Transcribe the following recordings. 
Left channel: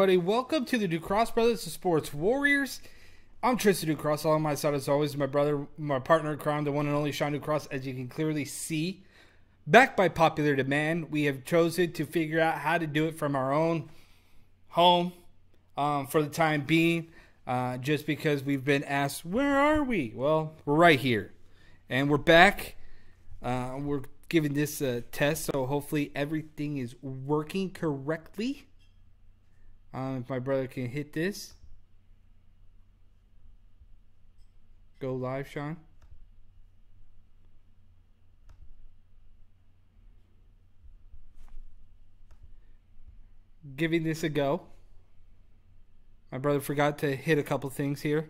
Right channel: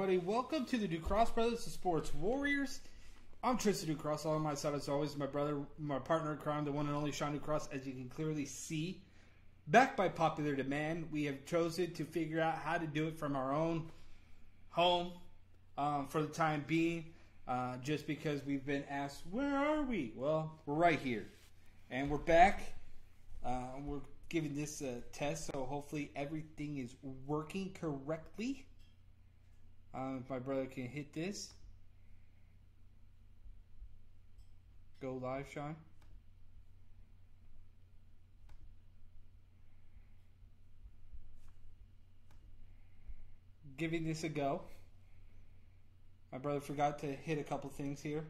everybody? Welcome to the Ducross Brothers, the Sports Warriors. I'm Tristan Ducross. Along my side, as always, my brother, my partner in crime, the one and only Sean Ducross. As you can clearly see, backed by popular demand, we have chosen to figure out how to do it from our own home for the time being. Just because we've been asked, where are we? Well, we're right here, and we're back. We're giving this a test, so hopefully everything is working correctly. If my brother can hit this. Go live, Sean. Giving this a go. My brother forgot to hit a couple things here.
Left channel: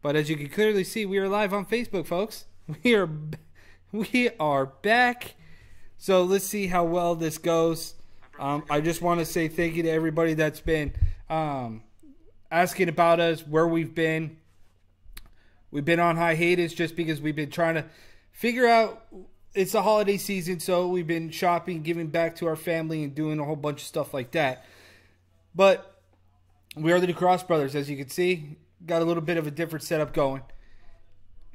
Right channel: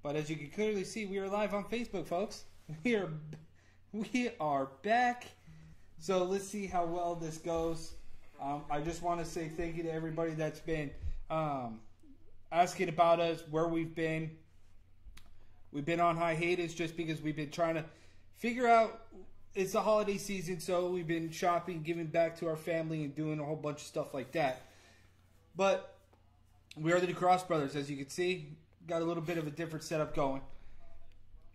But as you can clearly see, we are live on Facebook, folks. We are back. So let's see how well this goes. I just want to say thank you to everybody that's been asking about us, where we've been. We've been on hiatus just because we've been trying to figure out, it's the holiday season, so we've been shopping, giving back to our family, and doing a whole bunch of stuff like that. But we are the Ducross Brothers, as you can see. Got a little bit of a different setup going.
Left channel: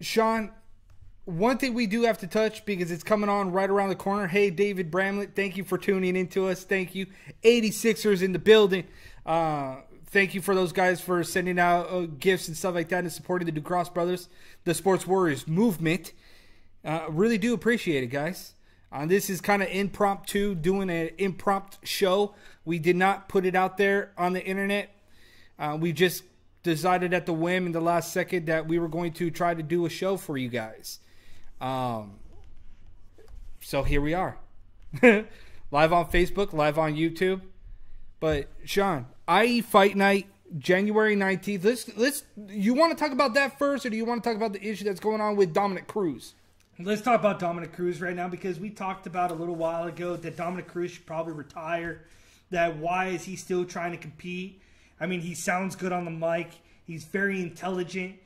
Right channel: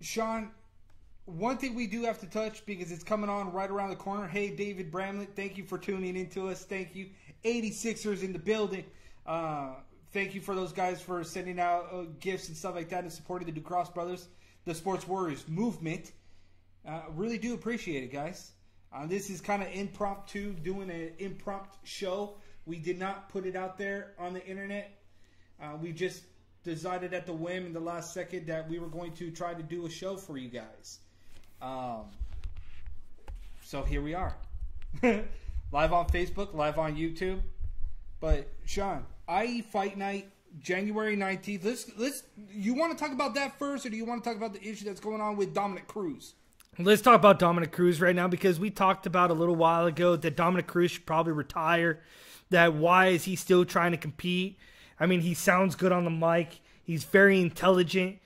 Sean, one thing we do have to touch, because it's coming on right around the corner. Hey, David Bramlett, thank you for tuning in to us. Thank you. 86ers in the building. Thank you for those guys for sending out gifts and stuff like that and supporting the Ducross Brothers, the Sports Warriors movement. Really do appreciate it, guys. This is kind of impromptu, doing an impromptu show. We did not put it out there on the internet. We just decided at the whim in the last second that we were going to try to do a show for you guys. So here we are. Live on Facebook, live on YouTube. But Sean, IE Fight Night, January 19th. Let's you want to talk about that first, or do you want to talk about the issue that's going on with Dominick Cruz? Let's talk about Dominick Cruz right now, because we talked about a little while ago that Dominick Cruz should probably retire. That why is he still trying to compete? I mean, he sounds good on the mic. He's very intelligent.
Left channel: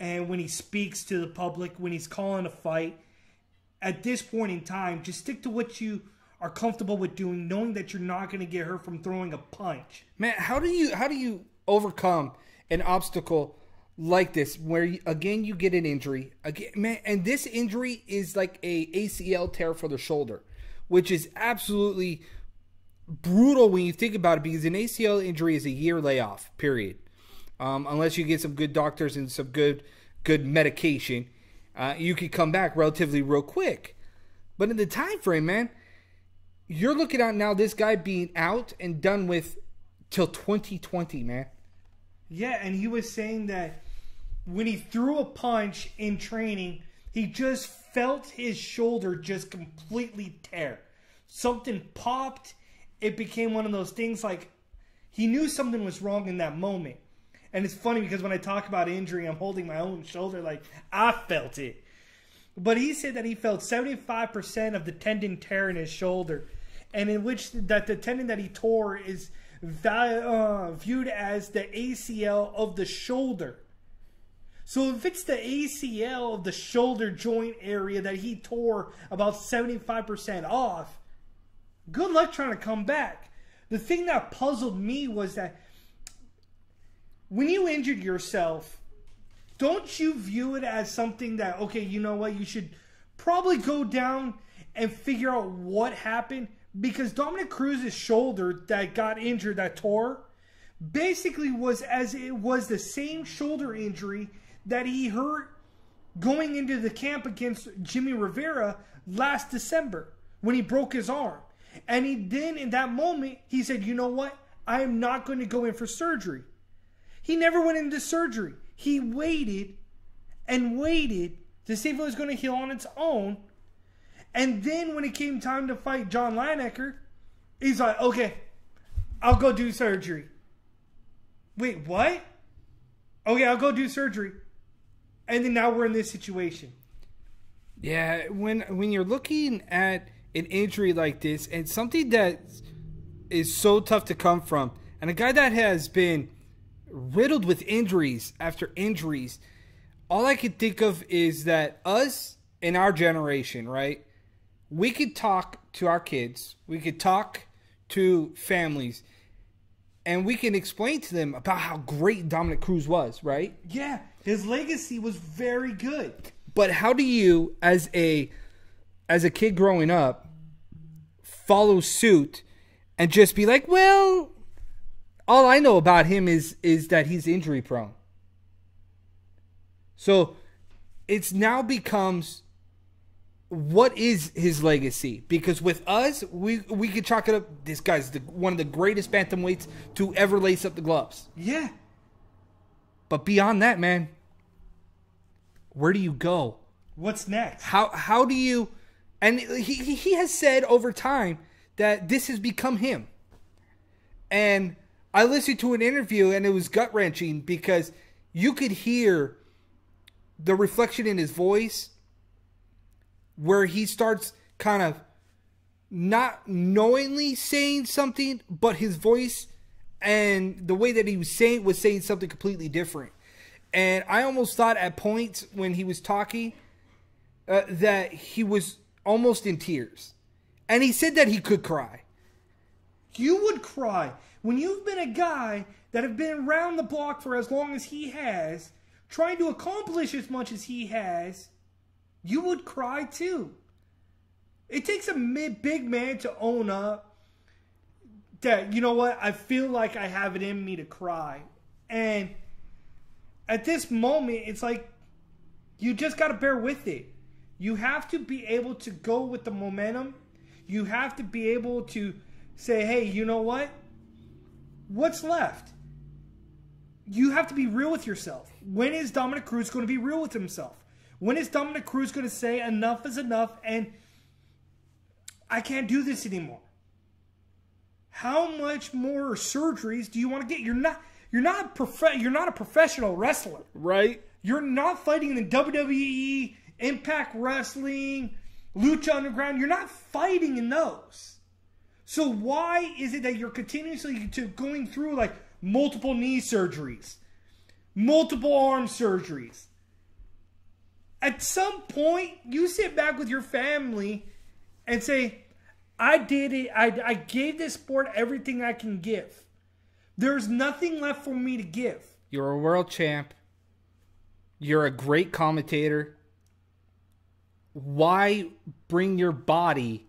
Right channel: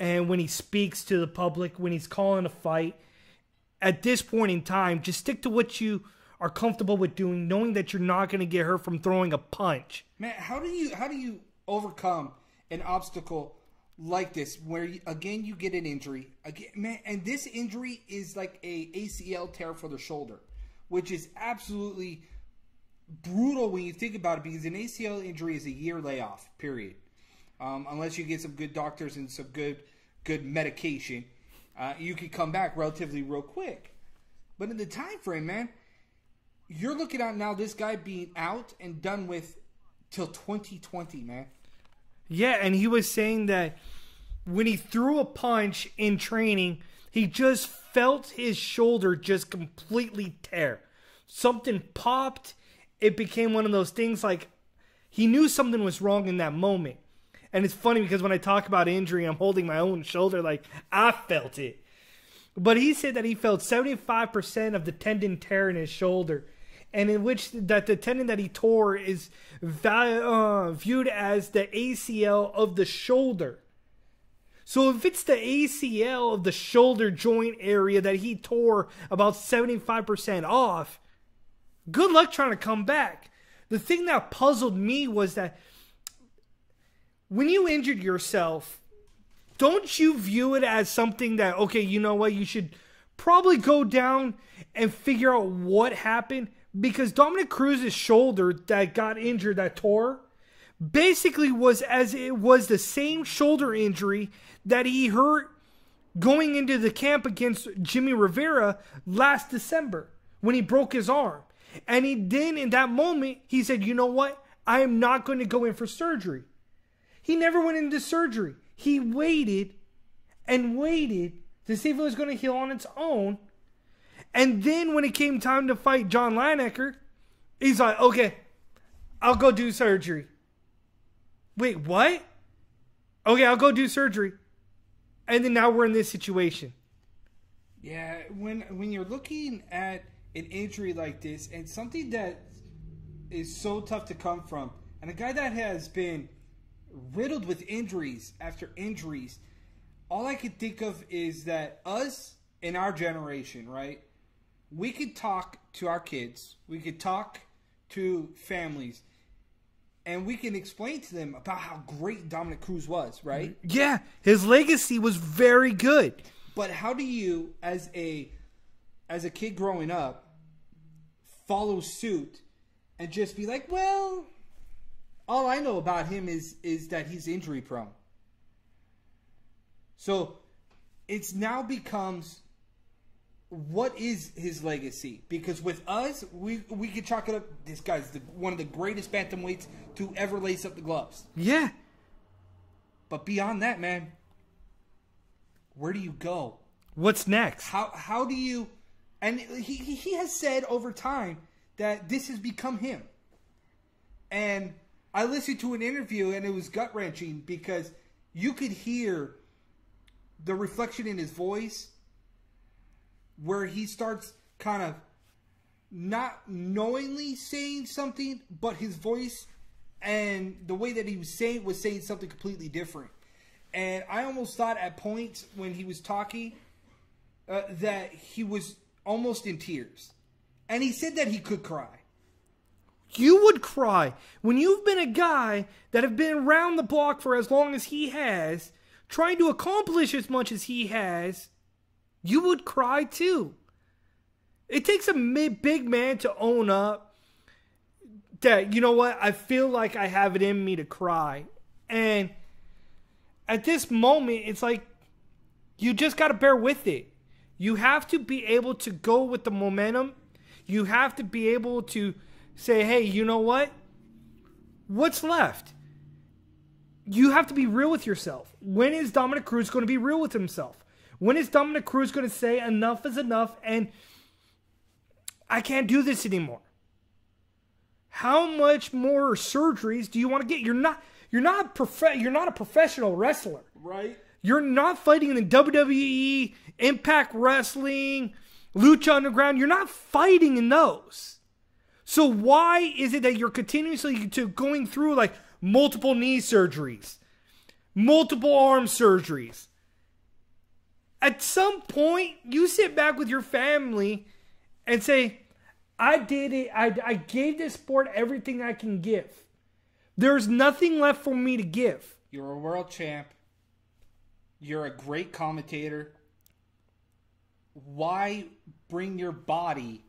And when he speaks to the public, when he's calling a fight, at this point in time, just stick to what you are comfortable with doing, knowing that you're not going to get hurt from throwing a punch. Man, how do you overcome an obstacle like this, where again you get an injury again, man? And this injury is like a ACL tear for the shoulder, which is absolutely brutal when you think about it, because an ACL injury is a year layoff, period. Unless you get some good doctors and some good medication, you could come back relatively real quick. But in the time frame, man, you're looking at now this guy being out and done with till 2020, man. Yeah, and he was saying that when he threw a punch in training, he just felt his shoulder just completely tear. Something popped. It became one of those things like he knew something was wrong in that moment. And it's funny because when I talk about injury, I'm holding my own shoulder like I felt it. But he said that he felt 75% of the tendon tear in his shoulder, and in which that the tendon that he tore is viewed as the ACL of the shoulder. So if it's the ACL of the shoulder joint area that he tore about 75% off, good luck trying to come back. The thing that puzzled me was that when you injured yourself, don't you view it as something that, okay, you know what, you should probably go down and figure out what happened? Because Dominick Cruz's shoulder that got injured, that tore, basically was as it was the same shoulder injury that he hurt going into the camp against Jimmy Rivera last December when he broke his arm. And he then, in that moment, he said, you know what, I am not going to go in for surgery. He never went into surgery. He waited and waited to see if it was going to heal on its own. And then when it came time to fight John Lineker, he's like, okay, I'll go do surgery. Wait, what? Okay, I'll go do surgery. And then now we're in this situation. Yeah, when you're looking at an injury like this, and something that is so tough to come from, and a guy that has been riddled with injuries after injuries, all I can think of is that us in our generation, right? We could talk to our kids, we could talk to families, and we can explain to them about how great Dominick Cruz was, right? Yeah, his legacy was very good. But how do you, as a kid growing up, follow suit and just be like, well, all I know about him is that he's injury prone. So it's now becomes, what is his legacy? Because with us, we could chalk it up. This guy's one of the greatest bantamweights to ever lace up the gloves. Yeah. But beyond that, man, where do you go? What's next? How do you? And he has said over time that this has become him. And I listened to an interview and it was gut wrenching because you could hear the reflection in his voice where he starts kind of not knowingly saying something, but his voice and the way that he was saying something completely different. And I almost thought at points when he was talking that he was almost in tears. And he said that he could cry. You would cry. When you've been a guy that have been around the block for as long as he has, trying to accomplish as much as he has, you would cry too. It takes a big man to own up that, you know what, I feel like I have it in me to cry. And at this moment, it's like, you just got to bear with it. You have to be able to go with the momentum. You have to be able to say, hey, you know what? What's left? You have to be real with yourself. When is Dominick Cruz going to be real with himself? When is Dominick Cruz going to say enough is enough and I can't do this anymore? How much more surgeries do you want to get? You're not a professional wrestler, right? You're not fighting in WWE, Impact Wrestling, Lucha Underground. You're not fighting in those. So why is it that you're continuously going through like multiple knee surgeries, multiple arm surgeries? At some point, you sit back with your family and say, I did it. I gave this sport everything I can give. There's nothing left for me to give. You're a world champ. You're a great commentator. Why bring your body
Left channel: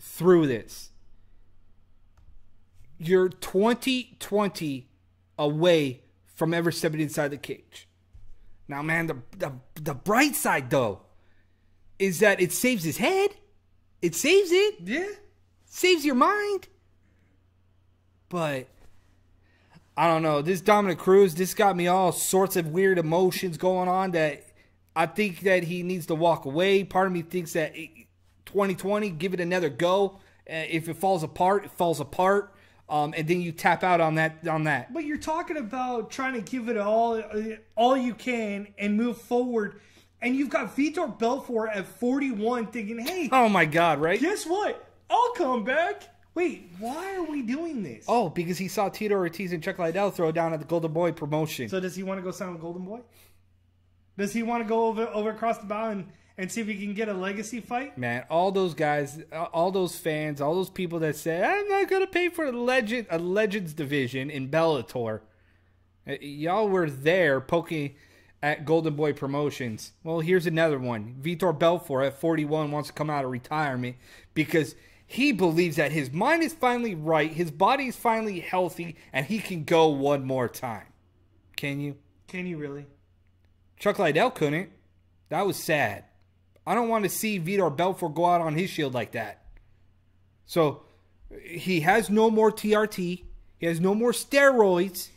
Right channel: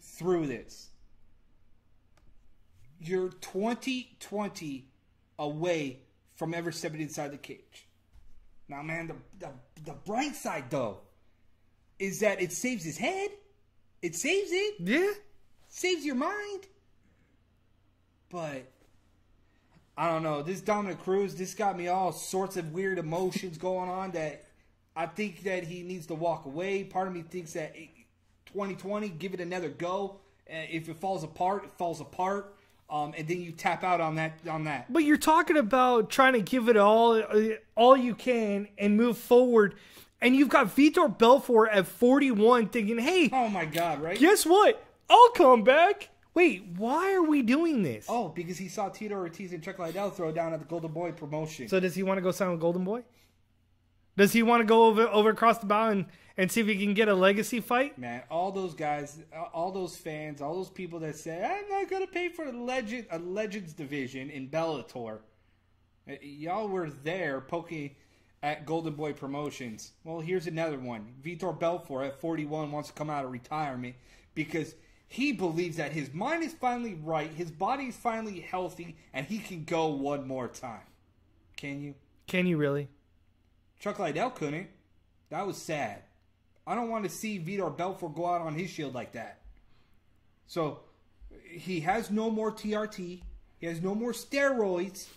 through this? You're 20 away from ever stepping inside the cage. Now, man, the bright side, though, is that it saves his head. It saves it. Yeah. Saves your mind. But I don't know. This Dominick Cruz, this got me all sorts of weird emotions going on that I think that he needs to walk away. Part of me thinks that 2020, give it another go. If it falls apart, it falls apart. And then you tap out on that. But you're talking about trying to give it all you can and move forward. And you've got Vitor Belfor at 41 thinking, hey. Oh, my God, right? Guess what? I'll come back. Wait, why are we doing this? Oh, because he saw Tito Ortiz and Chuck Liddell throw down at the Golden Boy promotion. So does he want to go sign with Golden Boy? Does he want to go over across the bow and see if he can get a legacy fight? Man, all those guys, all those fans, all those people that say, I'm not going to pay for a Legends division in Bellator. Y'all were there poking at Golden Boy Promotions. Well, here's another one. Vitor Belfor at 41 wants to come out of retirement because he believes that his mind is finally right, his body is finally healthy, and he can go one more time. Can you? Can you really? Chuck Liddell couldn't. That was sad. I don't want to see Vitor Belfor go out on his shield like that. So, he has no more TRT. He has no more steroids.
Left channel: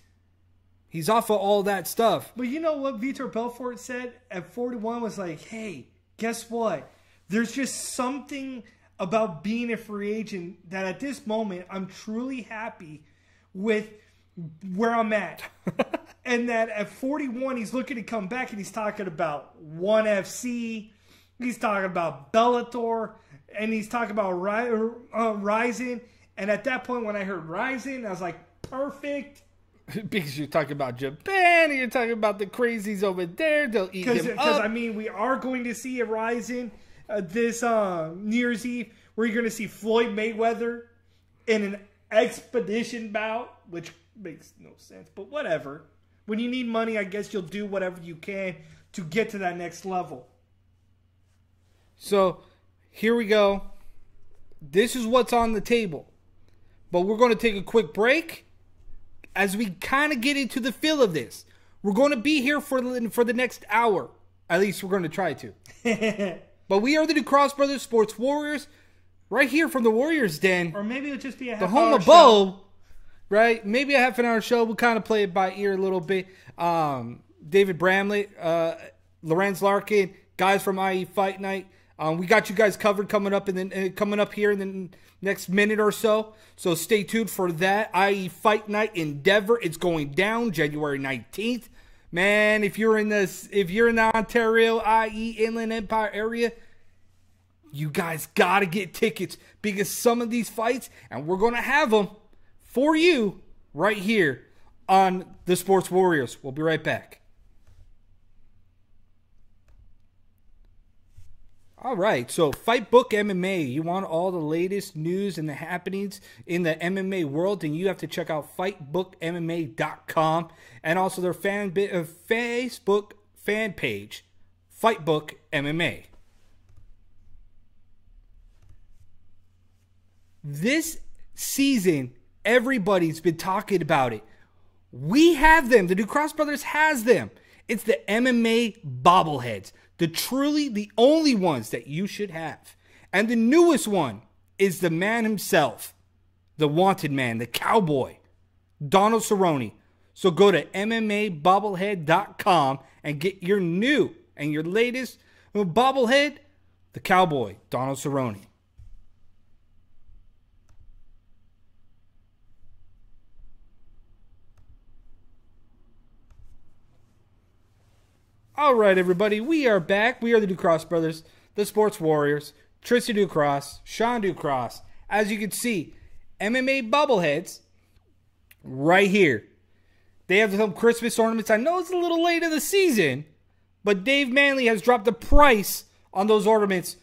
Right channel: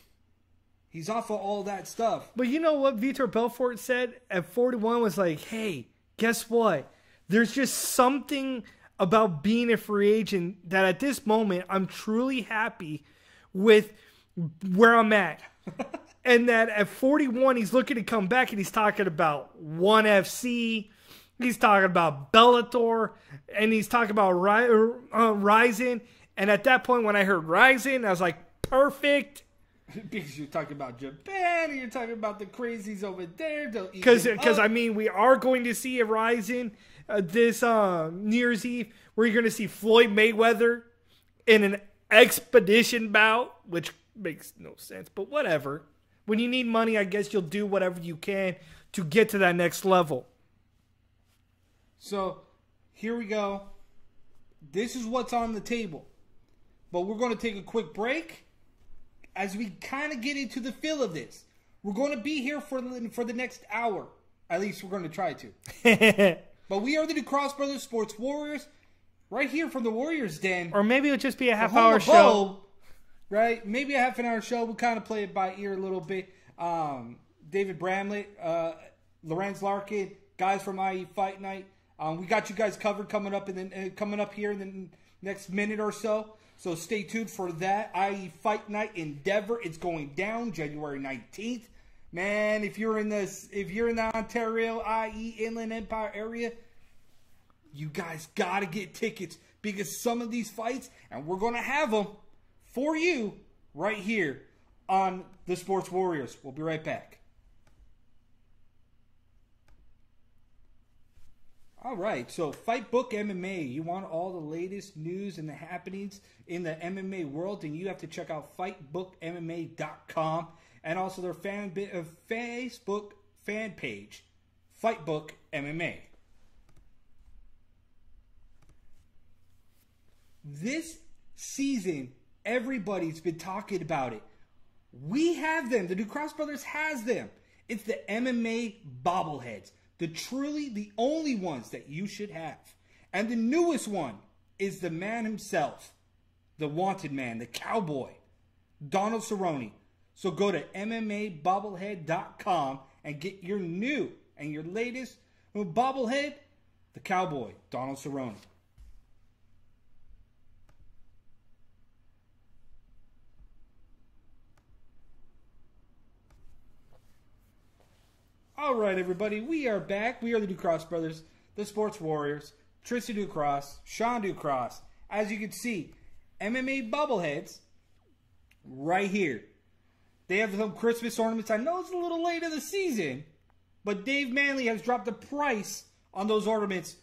He's off of all that stuff. But you know what Vitor Belfort said at 41 was like, hey, guess what? There's just something about being a free agent that at this moment I'm truly happy with where I'm at. And that at 41 he's looking to come back and he's talking about ONE FC. He's talking about Bellator. And he's talking about Ryzen. And at that point when I heard Ryzen, I was like, perfect. Because you're talking about Japan and you're talking about the crazies over there. Because I mean, we are going to see a Ryzen this New Year's Eve where you're going to see Floyd Mayweather in an expedition bout which makes no sense, but whatever. When you need money, I guess you'll do whatever you can to get to that next level. So, here we go. This is what's on the table. But we're going to take a quick break as we kind of get into the feel of this. We're going to be here for the next hour. At least we're going to try to. But we are the DuCross Brothers Sports Warriors, right here from the Warriors Den. Or maybe it'll just be a half the home hour of show. Bo, right? Maybe a half an hour show. We'll kind of play it by ear a little bit. David Bramlett, Lorenz Larkin, guys from IE Fight Night. We got you guys covered coming up here in the next minute or so. So stay tuned for that. IE Fight Night in Denver. It's going down January 19th. Man, if you're in the Ontario, IE Inland Empire area, you guys gotta get tickets because some of these fights, and we're gonna have them for you right here on the Sports Warriors. We'll be right back. All right, so Fight Book MMA. You want all the latest news and the happenings in the MMA world, then you have to check out fightbookmma.com and also their Facebook fan page, Fight Book MMA. This season, everybody's been talking about it. We have them. The DuCross Brothers has them. It's the MMA bobbleheads. The only ones that you should have. And the newest one is the man himself, the wanted man, the cowboy, Donald Cerrone. So go to MMAbobblehead.com and get your new and your latest bobblehead, the cowboy, Donald Cerrone. All right, everybody, we are back. We are the DuCross Brothers, the Sports Warriors, Tristan DuCross, Sean DuCross. As you can see, MMA bobbleheads right here. They have some Christmas ornaments. I know it's a little late in the season, but Dave Manley has dropped the price on those ornaments,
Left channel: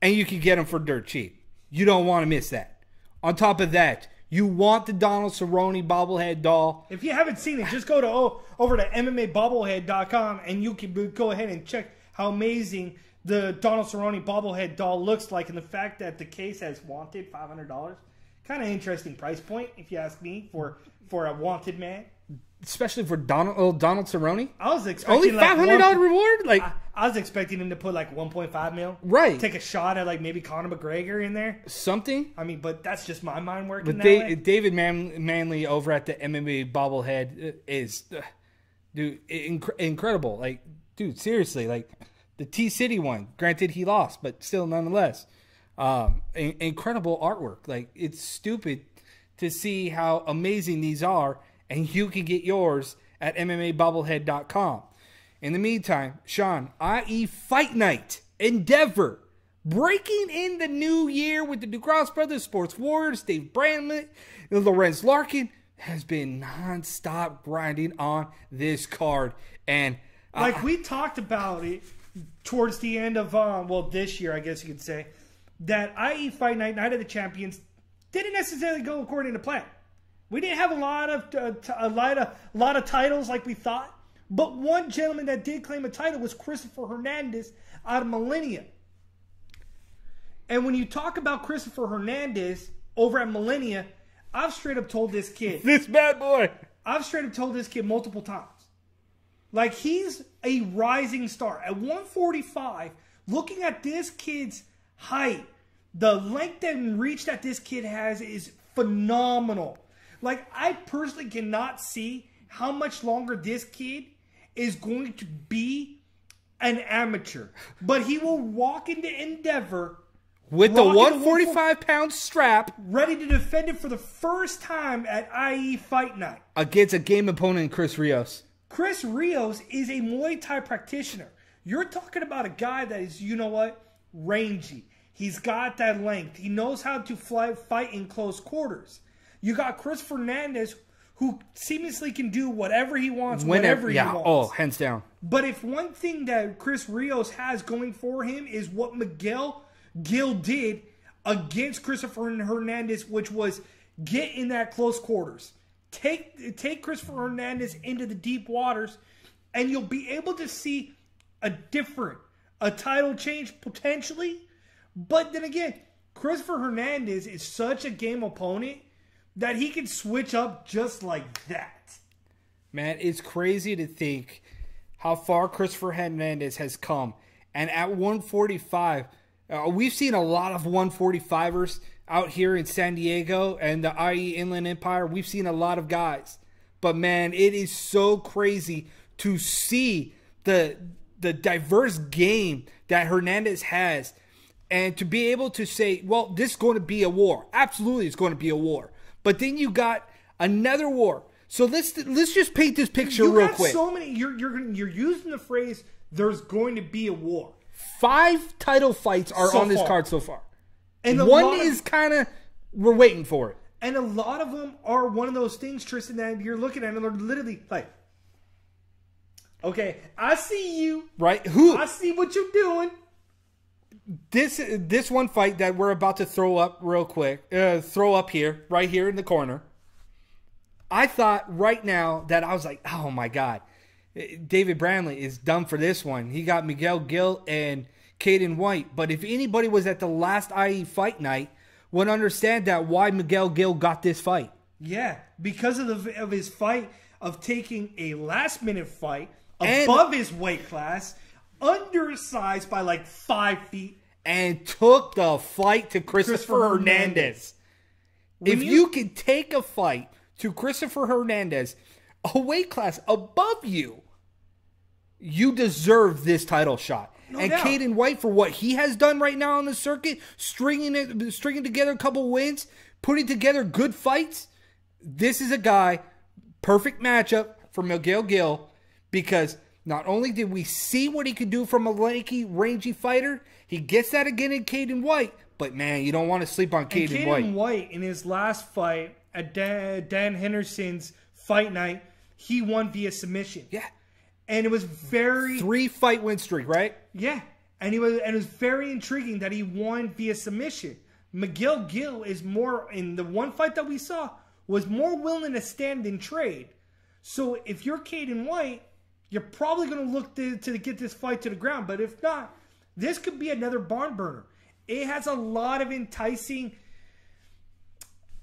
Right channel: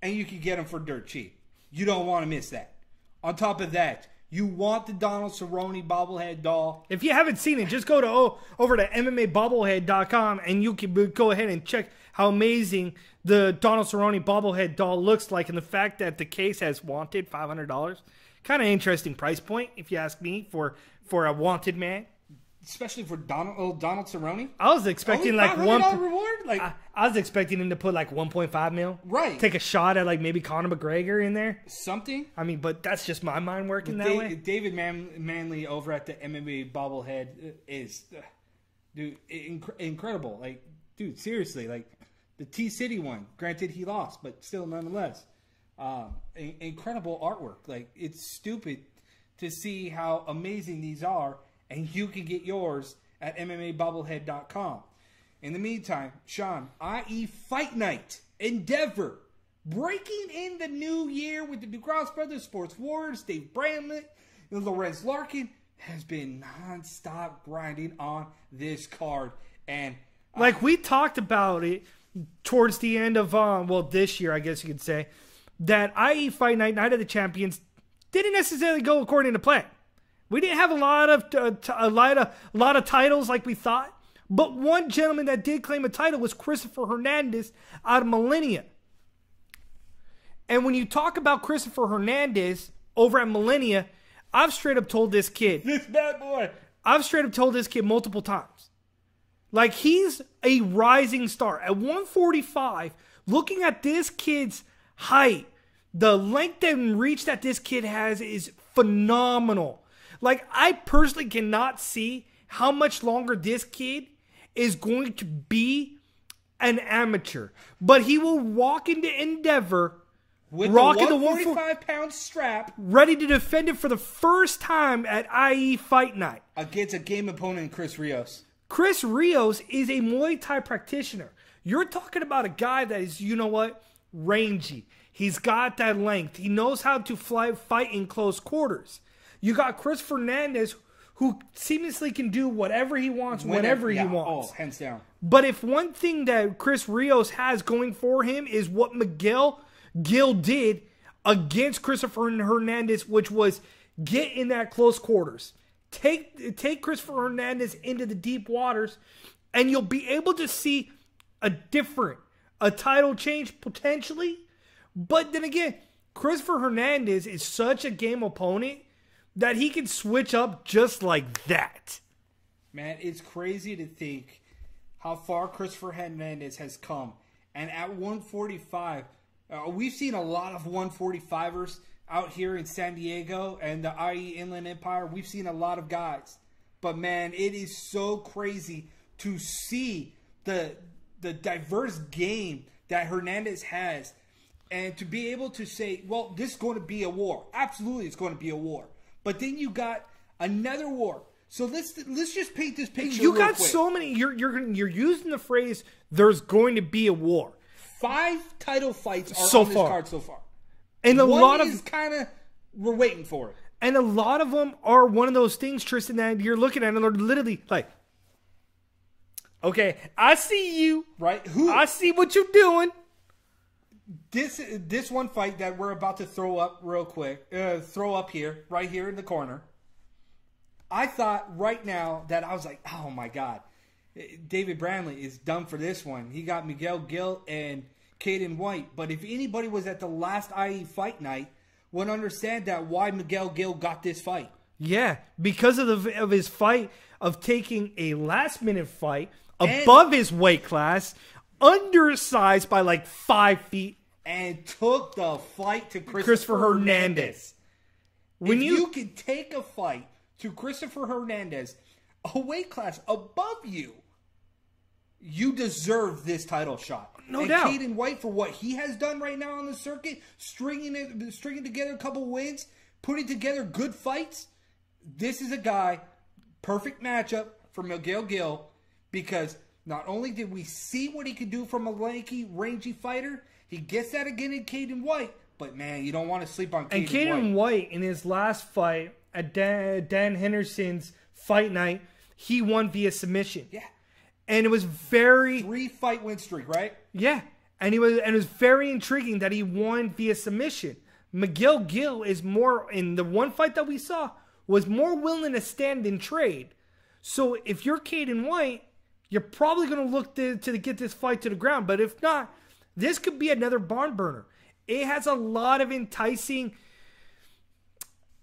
and you can get them for dirt cheap. You don't want to miss that. On top of that, you want the Donald Cerrone bobblehead doll. If you haven't seen it, just go over to MMAbobblehead.com and you can go ahead and check how amazing the Donald Cerrone bobblehead doll looks like, and the fact that the case has wanted $500. Kind of interesting price point, if you ask me, for a wanted man. Especially for Donald Cerrone. I was expecting only $500 reward. I was expecting him to put like 1.5 mil. Right. Take a shot at like maybe Conor McGregor in there. Something. I mean, but that's just my mind working that way. David Manley over at the MMA bobblehead is, dude, incredible. Like, dude, seriously, like the T-City one. Granted, he lost, but still, nonetheless, incredible artwork. Like, it's stupid to see how amazing these are. And you can get yours at MMAbobblehead.com. In the meantime, Sean, IE Fight Night in Denver. Breaking in the new year with the DuCross Brothers Sports Warriors. Dave Bramlett, Lorenz Larkin has been nonstop grinding on this card. And like we talked about it towards the end of, this year, I guess you could say, that IE Fight Night, Night of the Champions, didn't necessarily go according to plan. We didn't have a lot of titles like we thought, but one gentleman that did claim a title was Christopher Hernandez out of Millennia. And when you talk about Christopher Hernandez over at Millennia, I've straight up told this kid, this bad boy, I've straight up told this kid multiple times, like he's a rising star at 145. Looking at this kid's height, the length and reach that this kid has is phenomenal. Like, I personally cannot see how much longer this kid is going to be an amateur. But he will walk into Endeavor with the 145-pound strap, ready to defend it for the first time at IE Fight Night. Against a game opponent, Chris Rios. Chris Rios is a Muay Thai practitioner. You're talking about a guy that is, rangy. He's got that length. He knows how to fight in close quarters. You got Chris Fernandez, who seamlessly can do whatever he wants, whenever he wants. Oh, hands down. But if one thing that Chris Rios has going for him is what Miguel Gil did against Christopher Hernandez, which was get in that close quarters. Take Christopher Hernandez into the deep waters, and you'll be able to see a title change potentially. But then again, Christopher Hernandez is such a game opponent that he can switch up just like that. Man, it's crazy to think how far Christopher Hernandez has come. And at 145, we've seen a lot of 145ers out here in San Diego and the IE Inland Empire. We've seen a lot of guys. But man, it is so crazy to see the diverse game that Hernandez has. And to be able to say, well, this is going to be a war. Absolutely, it's going to be a war. But then you got another war. So let's just paint this picture real quick. You got so many. You're using the phrase "there's going to be a war." 5 title fights are on this card so far, and one is kind of we're waiting for it. And a lot of them are one of those things, Tristan, that you're looking at and they're literally like, "Okay, I see you, right? I see what you're doing." This one fight that we're about to throw up real quick, right here in the corner. I thought right now that I was like, oh my God, David Brantley is done for this one. He got Miguel Gil and Caden White. But if anybody was at the last IE fight night, would understand that why Miguel Gil got this fight. Yeah, because of his fight of taking a last minute fight above his weight class, undersized by like 5 feet, and took the fight to Christopher Hernandez. If you can take a fight to Christopher Hernandez, a weight class above you, you deserve this title shot. No doubt. Caden White, for what he has done right now on the circuit, stringing together a couple wins, putting together good fights, this is a guy, perfect matchup for Miguel Gil, because not only did we see what he could do from a lanky, rangy fighter, he gets that again in Caden White, but man, you don't want to sleep on Caden White. Caden White, in his last fight at Dan Henderson's fight night, he won via submission. Yeah. And it was very 3-fight win streak, right? Yeah. And it was very intriguing that he won via submission. Miguel Gil is more, in the one fight that we saw, was more willing to stand and trade. So if you're Caden White, you're probably going to look to get this fight to the ground. But if not, this could be another barn burner. It has a lot of enticing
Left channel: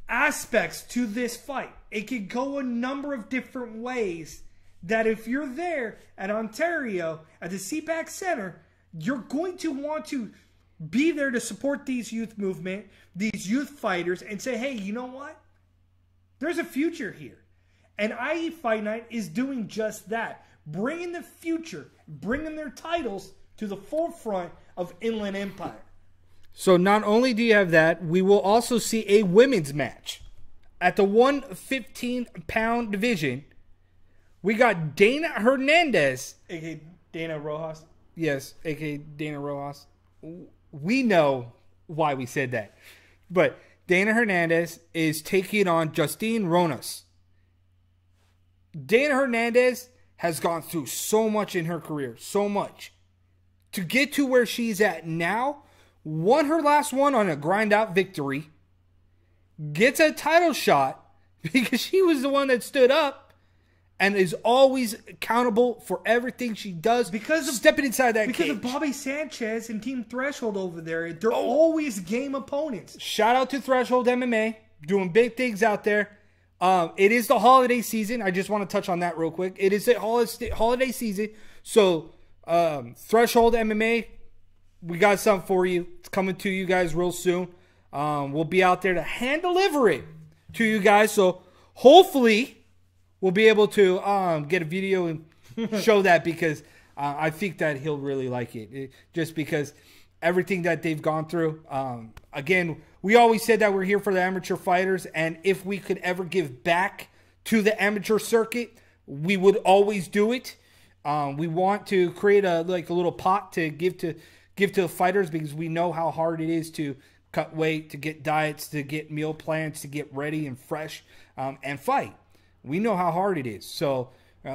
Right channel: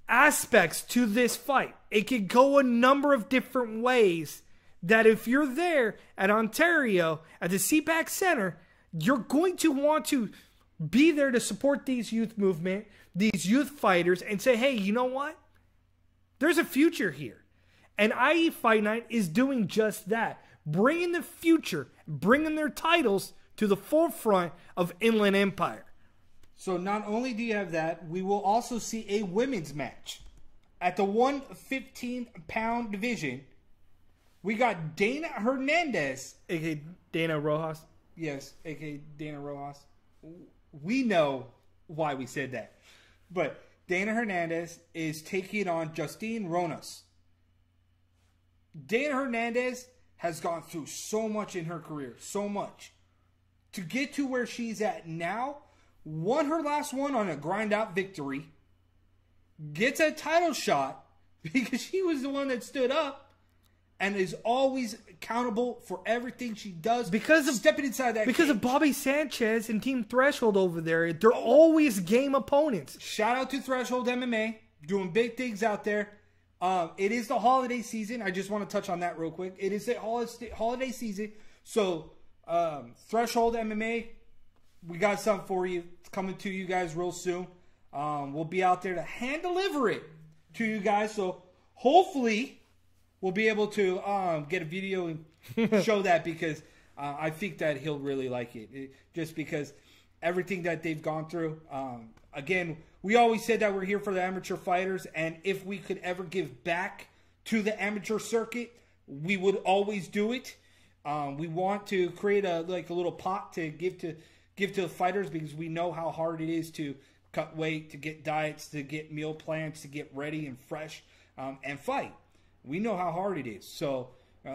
aspects to this fight. It could go a number of different ways that if you're there at Ontario, at the CPAC Center, you're going to want to be there to support these youth movement, these youth fighters, and say, hey, you know what? There's a future here. And IE Fight Night is doing just that. Bringing the future, bringing their titles to the forefront of Inland Empire. So not only do you have that, we will also see a women's match. At the 115-pound division, we got Dana Hernandez. A.k.a. Dana Rojas. Yes, a.k.a. Dana Rojas. We know why we said that. But Dana Hernandez is taking on Justine Ronas. Dana Hernandez has gone through so much in her career. So much. To get to where she's at now, won her last one on a grind-out victory, gets a title shot because she was the one that stood up and is always accountable for everything she does because of stepping inside that because cage. Of Bobby Sanchez and Team Threshold over there. They're always game opponents. Shout out to Threshold MMA, doing big things out there. It is the holiday season. I just want to touch on that real quick. It is the holiday season, so Threshold MMA, we got something for you. It's coming to you guys real soon. We'll be out there to hand deliver it to you guys. So hopefully we'll be able to get a video and show that because I think that he'll really like it. Just because everything that they've gone through. Again, we always said that we're here for the amateur fighters. And if we could ever give back to the amateur circuit, we would always do it. We want to create a little pot to give to fighters because we know how hard it is to cut weight, to get diets, to get meal plans, to get ready and fresh and fight. We know how hard it is. So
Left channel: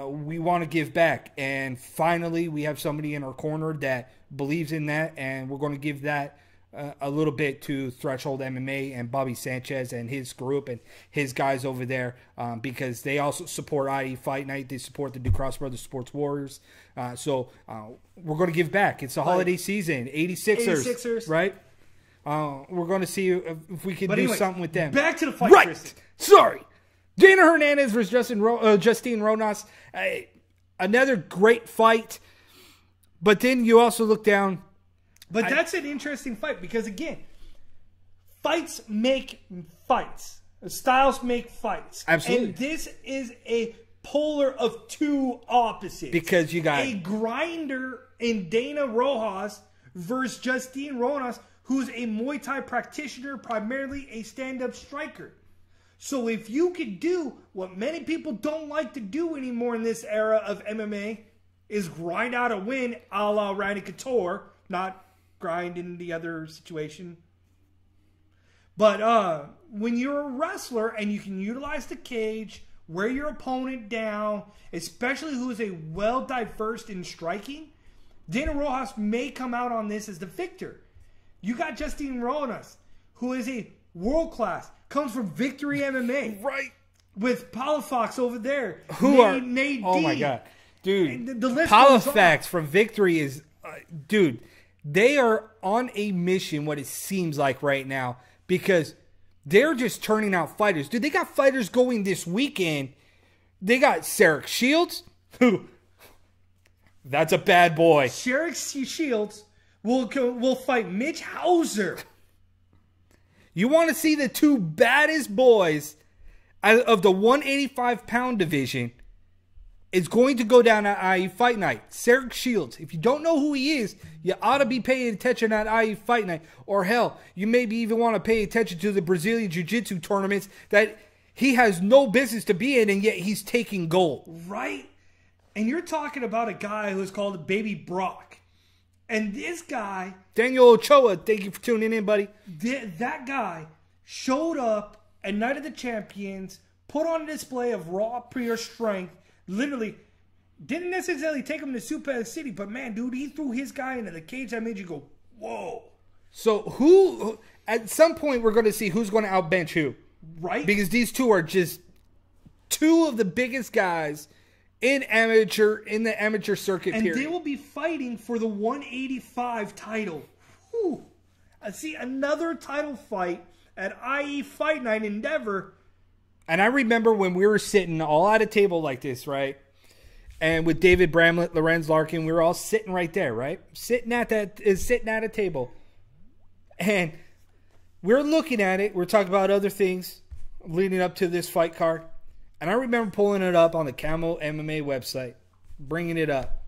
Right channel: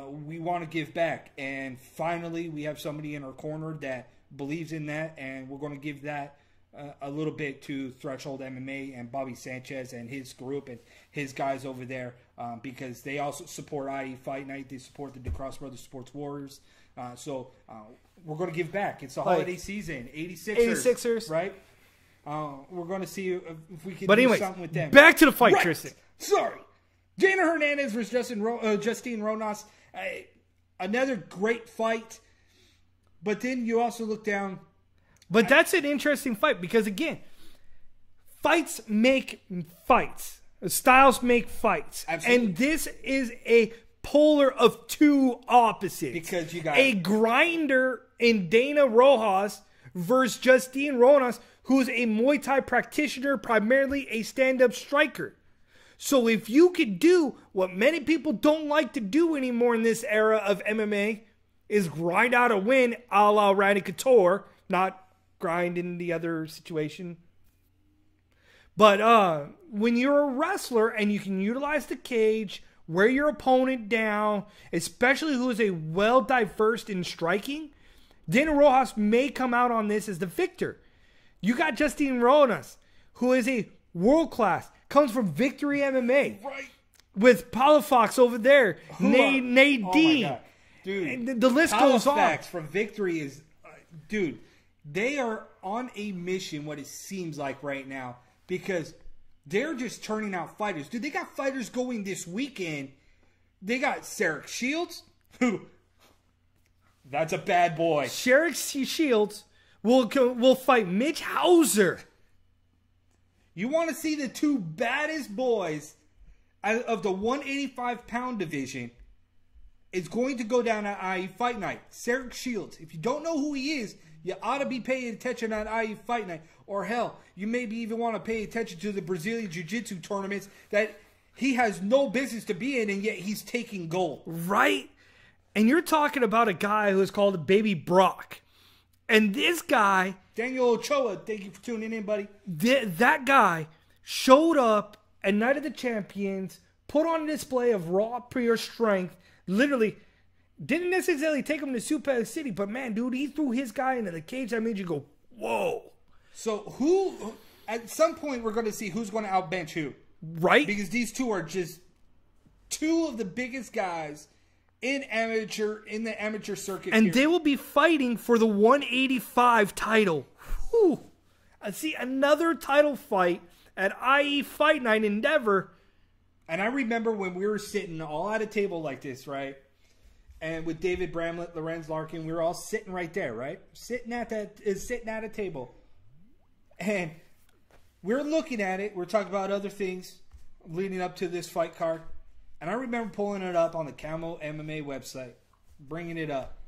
we want to give back. And finally, we have somebody in our corner that believes in that, and we're going to give that a little bit to Threshold MMA and Bobby Sanchez and his group and his guys over there, because they also support IE Fight Night. They support the DeCross Brothers Sports Warriors. So we're going to give back. It's the holiday season. 86ers. Right? We're going to see if we can do something with them. Back to the fight, Tristan. Sorry. Dana Hernandez versus Justine Ronas. Another great fight. But then you also look down. But that's an interesting fight because, again, fights make fights. Styles make fights. Absolutely. And this is a polar of two opposites. Because you got a grinder in Dana Rojas versus Justine Ronas, who's a Muay Thai practitioner, primarily a stand-up striker. So if you could do what many people don't like to do anymore in this era of MMA, is grind out a win a la Randy Couture, not grind in the other situation. But when you're a wrestler and you can utilize the cage, wear your opponent down, especially who is a well-diversed in striking, Dana Rojas may come out on this as the victor. You got Justine Ronas, who is a world-class, comes from Victory MMA. Right. With Palafox over there. Nadine. Oh, my God. Dude, the list goes on. Palafox from Victory is... dude, they are on a mission, what it seems like right now, because they're just turning out fighters. Dude, they got fighters going this weekend. They got Sarek Shields, who... that's a bad boy. Sarek Shields will fight Mitch Hauser. You want to see the two baddest boys of the 185-pound division? It's going to go down at IE Fight Night. Sarek Shields. If you don't know who he is, you ought to be paying attention at IE Fight Night. Or hell, you maybe even want to pay attention to the Brazilian Jiu-Jitsu tournaments that he has no business to be in, and yet he's taking gold. Right? And you're talking about a guy who is called Baby Brock. And this guy... Daniel Ochoa, thank you for tuning in, buddy. That guy showed up at Night of the Champions, put on a display of raw, pure strength, literally didn't necessarily take him to Super City, but man, dude, he threw his guy into the cage that made you go, whoa. So who, at some point, we're going to see who's going to outbench who. Right? Because these two are just two of the biggest guys in the amateur circuit. And they will be fighting for the 185 title. Whew. I see another title fight at IE Fight Night Endeavor. And I remember when we were sitting all at a table like this, right? And with David Bramlett, Lorenz Larkin, we were all sitting right there, right? Sitting at a table. And we're looking at it. We're talking about other things leading up to this fight card. And I remember pulling it up on the Camo MMA website, bringing it up.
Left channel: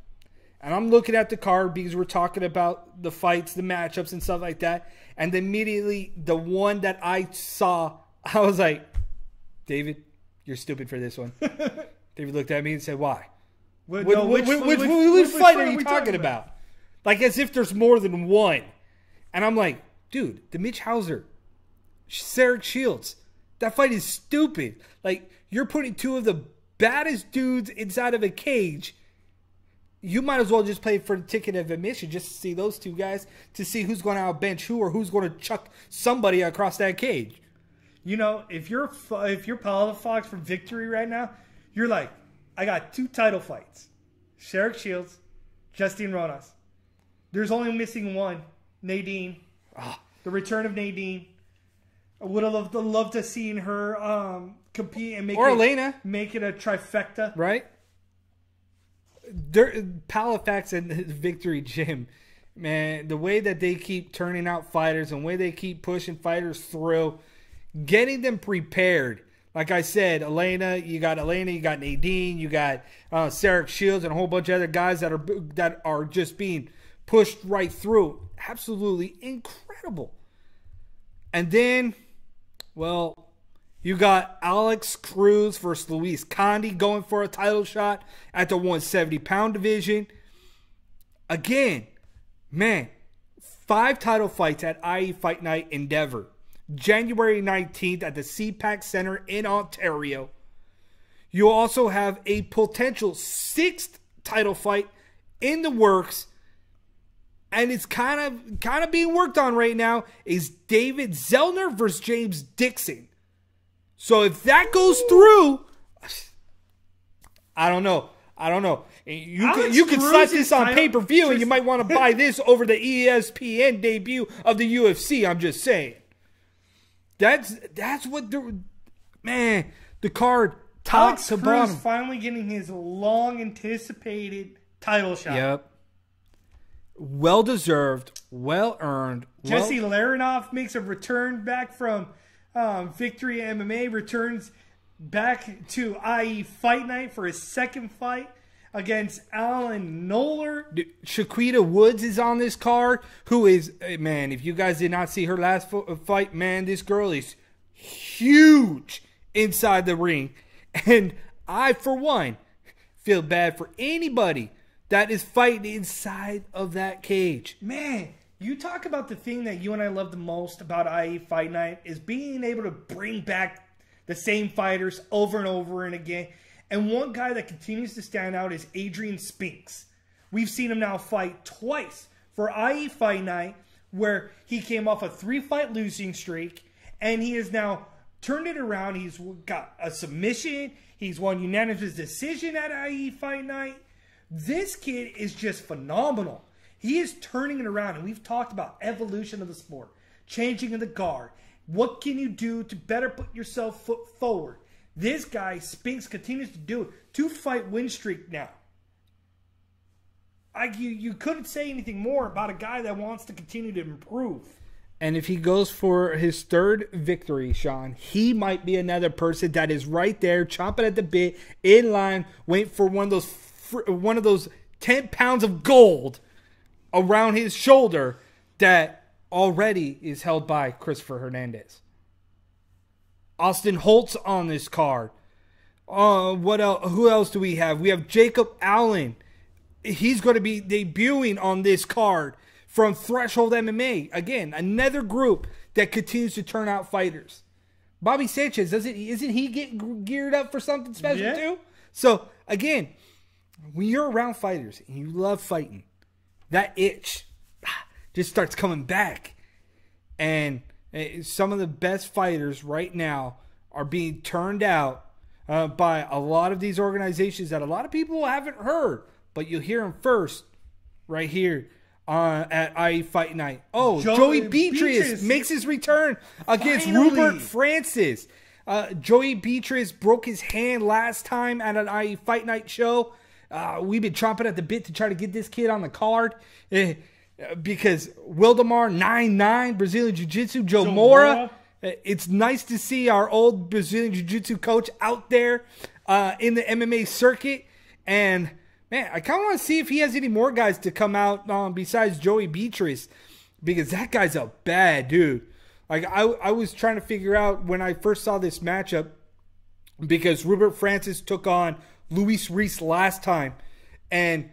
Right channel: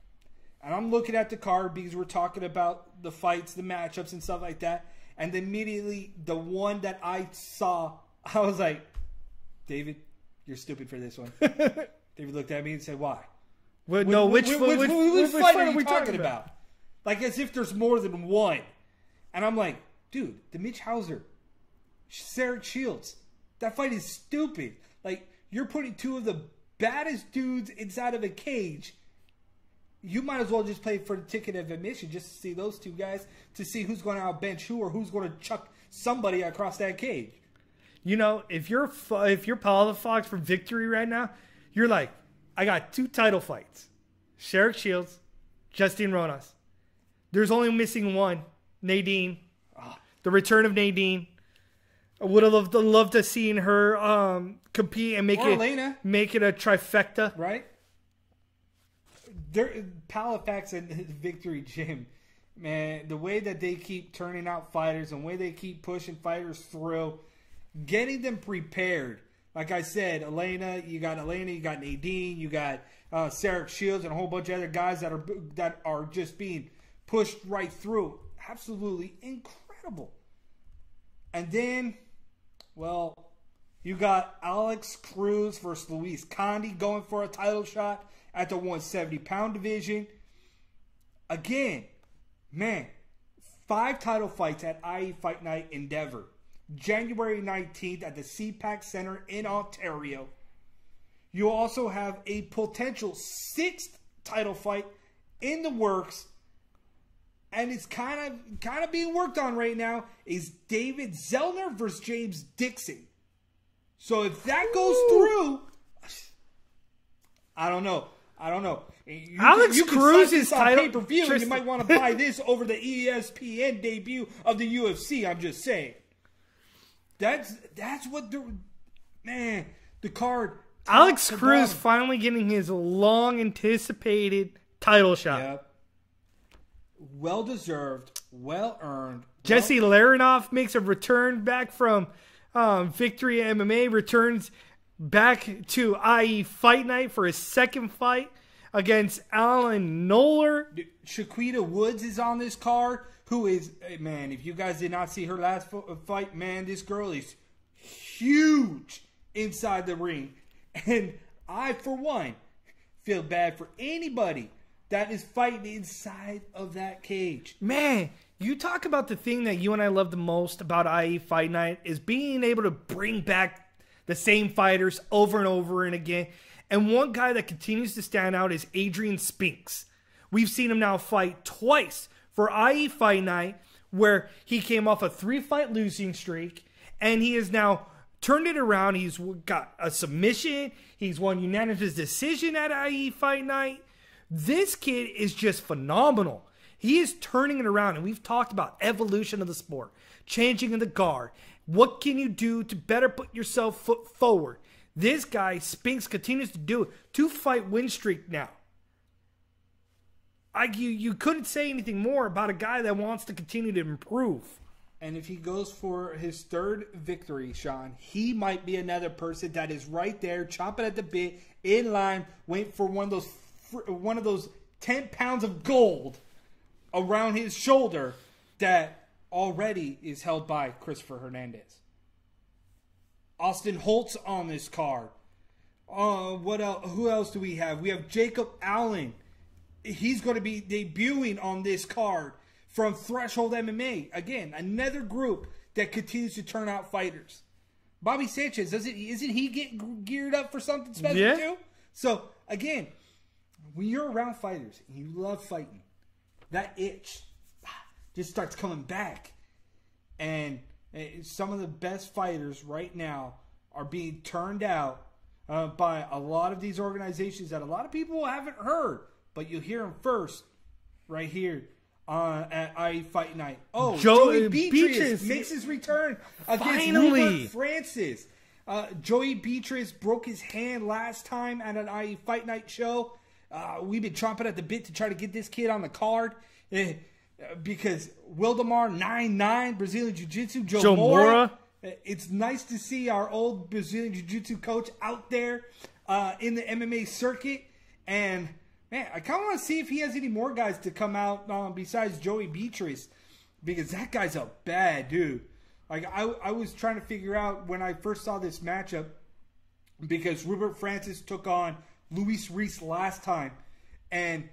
And I'm looking at the card because we're talking about the fights, the matchups, and stuff like that. And immediately, the one that I saw, I was like, David, you're stupid for this one. David looked at me and said, why? Which fight are you talking about? Like as if there's more than one. And I'm like, dude, the Mitch Hauser, Sarek Shields, that fight is stupid. Like, you're putting two of the baddest dudes inside of a cage. You might as well just pay for the ticket of admission just to see those two guys, to see who's going to outbench who or who's going to chuck somebody across that cage. You know, if you're Palafox for Victory right now, you're like, I got two title fights. Sarek Shields, Justine Ronas. There's only missing one, Nadine. The return of Nadine. I would have loved to see her compete and make it a trifecta. Right? Palafox and his Victory Gym, man, the way that they keep turning out fighters and the way they keep pushing fighters through, getting them prepared. Like I said, you got Nadine, you got Sarek Shields, and a whole bunch of other guys that are just being pushed right through. Absolutely incredible. And then, well, you got Alex Cruz versus Luis Condi going for a title shot at the 170-pound division. Again, man, 5 title fights at IE Fight Night Endeavor. January 19th at the CPAC Center in Ontario. You also have a potential 6th title fight in the works and it's kind of being worked on right now, is David Zellner versus James Dixon. So if that goes through, I don't know. You could slap this on pay-per-view, and you might want to buy this over the ESPN debut of the UFC. I'm just saying. That's what the card. Alex Cruz finally getting his long-anticipated title shot. Yep. Well-deserved, well-earned. Jesse Larinoff makes a return back from Victory MMA, returns back to IE Fight Night for his second fight against Alan Noller. Shaquita Woods is on this card, who is, man, if you guys did not see her last fight, man, this girl is huge inside the ring. And I, for one, feel bad for anybody that is fighting inside of that cage. Man, you talk about the thing that you and I love the most about IE Fight Night is being able to bring back the same fighters over and over and again. And one guy that continues to stand out is Adrian Spinks. We've seen him now fight twice for IE Fight Night, where he came off a 3-fight losing streak, and he has now turned it around. He's got a submission. He's won unanimous decision at IE Fight Night. This kid is just phenomenal. He is turning it around, and we've talked about evolution of the sport, changing of the guard. What can you do to better put yourself foot forward? This guy, Spinks, continues to do it. 2-fight win streak now. You couldn't say anything more about a guy that wants to continue to improve. And if he goes for his third victory, Sean, he might be another person that is right there, chomping at the bit, in line, waiting for one of those 10 pounds of gold around his shoulder that already is held by Christopher Hernandez. Austin Holtz on this card. What else? Who else do we have? We have Jacob Allen. He's going to be debuting on this card from Threshold MMA. Again, another group that continues to turn out fighters. Bobby Sanchez, isn't he getting geared up for something special too? So, again, when you're around fighters and you love fighting, that itch just starts coming back. And some of the best fighters right now are being turned out by a lot of these organizations that a lot of people haven't heard, but you'll hear them first right here at IE Fight Night. Oh, Joey Beatrice makes his return against Rupert Francis. Joey Beatrice broke his hand last time at an IE Fight Night show. We've been chomping at the bit to try to get this kid on the card. Because Wildemar 9-9, Brazilian Jiu-Jitsu, Joe Mora. It's nice to see our old Brazilian Jiu-Jitsu coach out there in the MMA circuit. And, man, I kind of want to see if he has any more guys to come out besides Joey Beatrice. Because that guy's a bad dude. Like, I was trying to figure out when I first saw this matchup, because Rupert Francis took on Luis Reese last time. And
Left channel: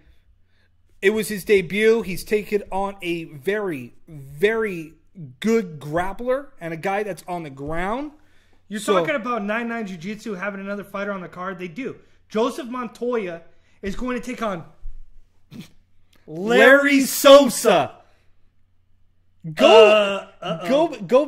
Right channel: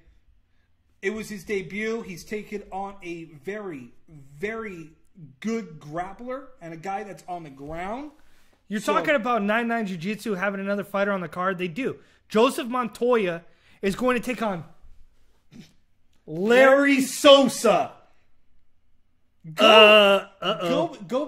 it was his debut. He's taken on a very, very good grappler and a guy that's on the ground. You're talking about 9-9 Jiu-Jitsu having another fighter on the card? They do. Joseph Montoya is going to take on Larry Sosa. Go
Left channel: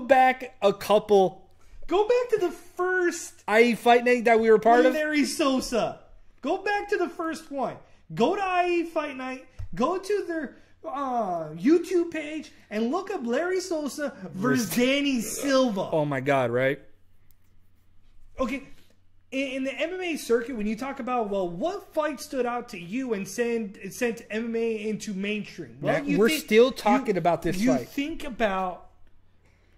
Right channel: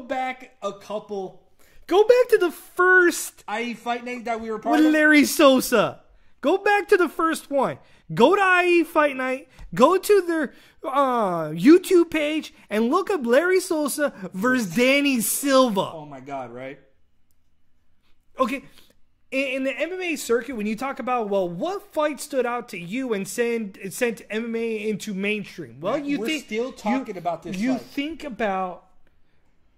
back a couple. Go back to the first IE Fight Night that we were part of. Larry Sosa. Go back to the first one. Go to IE Fight Night. Go to their YouTube page and look up Larry Sosa versus Danny Silva. Oh my God, right? Okay, in the MMA circuit, when you talk about, well, what fight stood out to you and sent MMA into mainstream? Well, we're still talking about this fight. You think about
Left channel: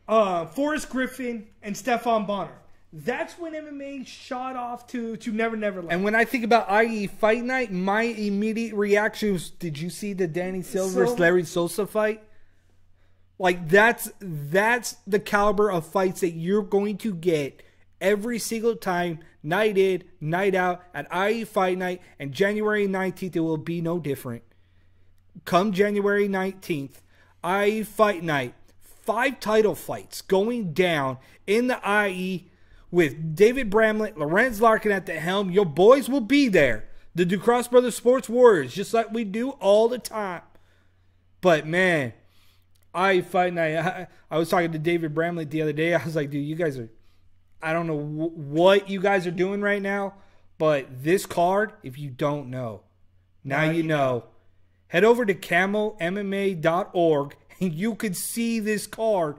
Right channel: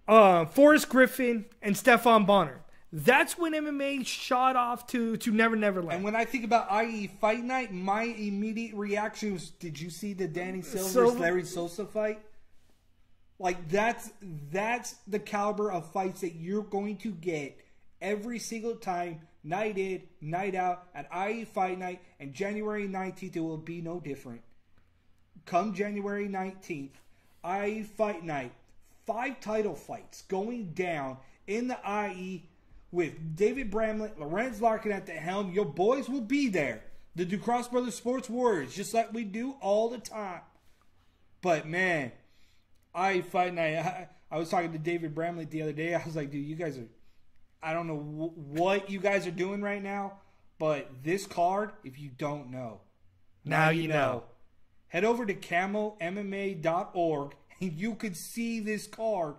Forrest Griffin and Stefan Bonner. That's when MMA shot off to Never Never Land. And when I think about IE Fight Night, my immediate reaction was, did you see the Danny Silva versus Larry Sosa fight? Like, that's the caliber of fights that you're going to get every single time, night in, night out, at IE Fight Night. And January 19th, it will be no different. Come January 19th, IE Fight Night, 5 title fights going down in the IE with David Bramlett, Lorenz Larkin at the helm. Your boys will be there. The Ducross Brothers Sports Warriors, just like we do all the time. But, man, Fight Night. I was talking to David Bramlett the other day. I was like, dude, you guys are, I don't know what you guys are doing right now, but this card, if you don't know, now you know. Head over to camomma.org and you could see this card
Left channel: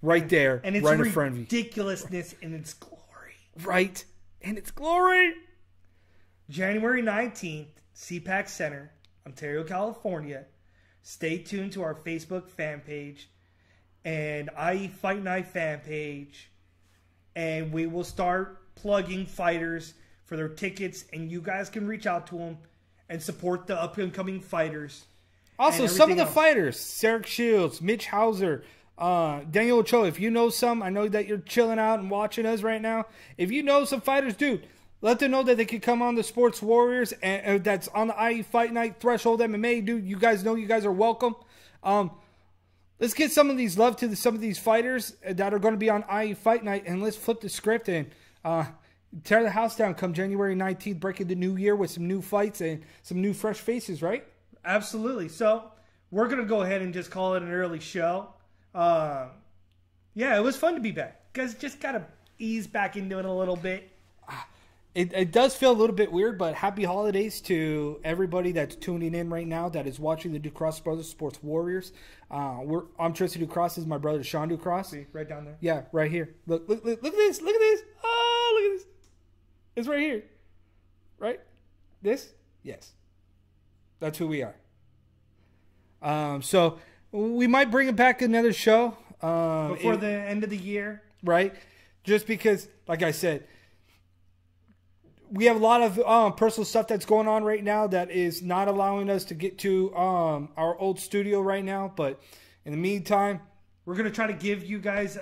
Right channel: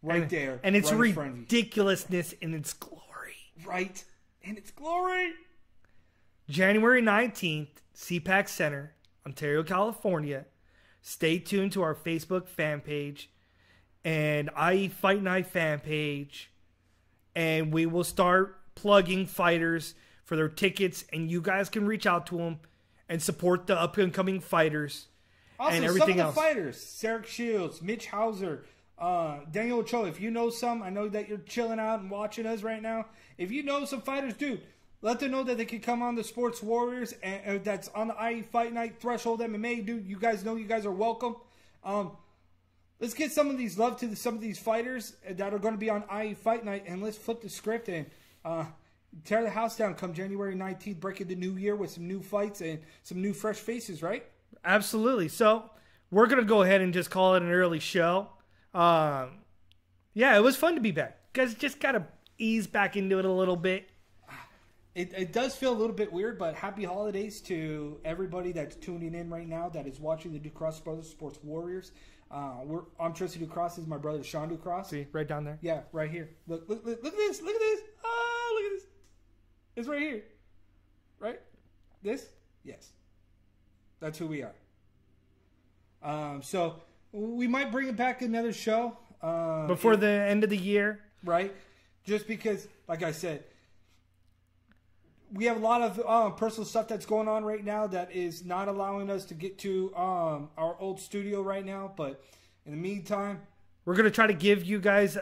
right there. And it's right in front of you. ridiculousness in its glory. Right in its glory. January 19th, CPAC Center, Ontario, California. Stay tuned to our Facebook fan page and IE Fight Night fan page. And we will start plugging fighters for their tickets. And you guys can reach out to them and support the up-and-coming fighters. Also, some of the fighters, Sarek Shields, Mitch Hauser, Daniel Ochoa, if you know some, I know that you're chilling out and watching us right now. If you know some fighters, dude, let them know that they could come on the Sports Warriors, and that's on the IE Fight Night Threshold MMA, dude. You guys know you guys are welcome. Let's get some of these love to some of these fighters that are going to be on IE Fight Night, and let's flip the script and tear the house down come January 19th, breaking the new year with some new fights and some new fresh faces, right? Absolutely. So we're going to go ahead and just call it an early show. Yeah, it was fun to be back. You guys just got to ease back into it a little bit. It does feel a little bit weird, but happy holidays to everybody that's tuning in right now that is watching the Ducross Brothers Sports Warriors. I'm Tristan Ducross. This is my brother Sean Ducross. See, right down there. Yeah, right here. Look at this. Look at this. Oh, look at this. It's right here. Right? This? Yes. That's who we are. So we might bring it back another show. Before the end of the year. Right? Just because, like I said, we have a lot of personal stuff that's going on right now that is not allowing us to get to our old studio right now. But in the meantime, we're going to try to give you guys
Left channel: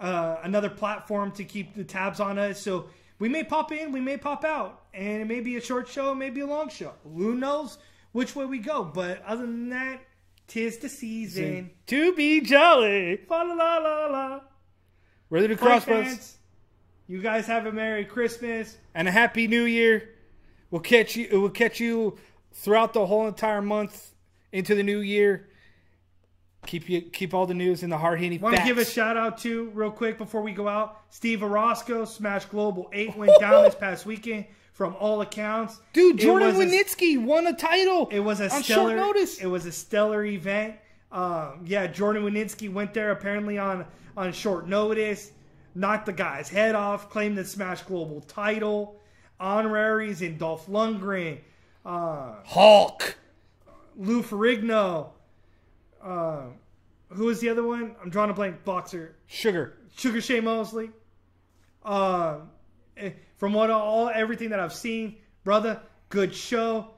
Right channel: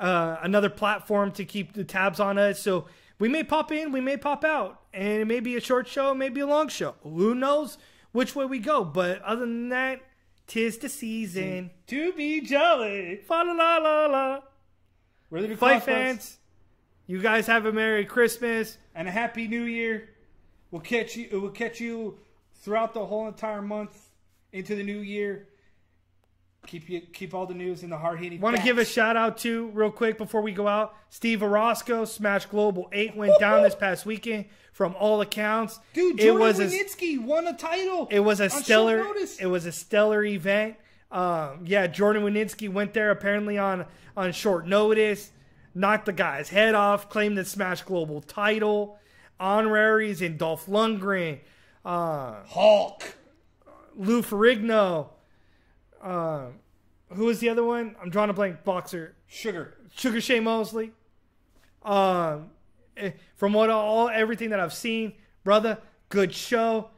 another platform to keep the tabs on us. So we may pop in, we may pop out. And it may be a short show, it may be a long show. Who knows which way we go. But other than that, 'tis the season to be jolly. Fa la la la la. Ready to Fight fans, you guys have a Merry Christmas and a Happy New Year. We'll catch you throughout the whole entire month into the new year. Keep all the news in the hard-hitting facts. Want to give a shout out to, real quick before we go out, Steve Orozco, Smash Global 8 went down this past weekend from all accounts. Dude, Jordan Winitsky won a title. It was a stellar event. Yeah, Jordan Winitsky went there apparently on short notice. Knocked the guy's head off, claimed the Smash Global title, honoraries in Dolph Lundgren, Hulk, Lou Ferrigno, who was the other one? I'm drawing a blank. Boxer, Sugar Shea Mosley. From everything that I've seen, brother, good show,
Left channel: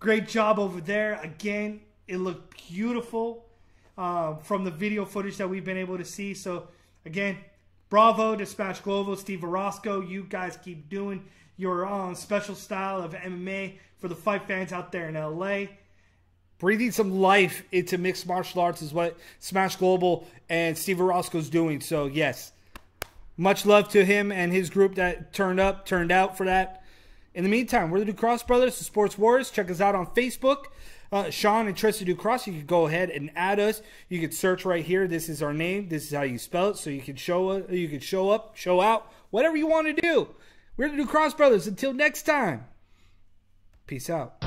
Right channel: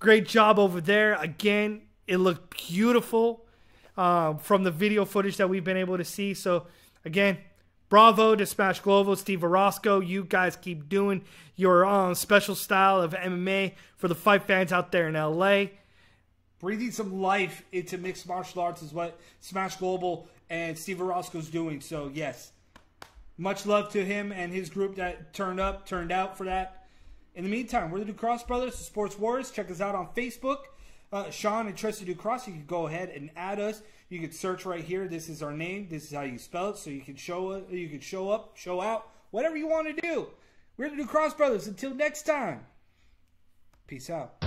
great job over there. Again, it looked beautiful from the video footage that we've been able to see. So again, bravo to Smash Global, Steve Orozco. You guys keep doing your special style of MMA for the fight fans out there in LA. Breathing some life into mixed martial arts is what Smash Global and Steve Orozco's doing. So, yes, much love to him and his group that turned out for that. In the meantime, we're the Ducross Brothers, the Sports Warriors. Check us out on Facebook. Sean and Tristan Ducross, you can go ahead and add us. You can search right here. This is our name. This is how you spell it. So you can show up, show out, whatever you want to do. We're the Ducross Brothers. Until next time, peace out.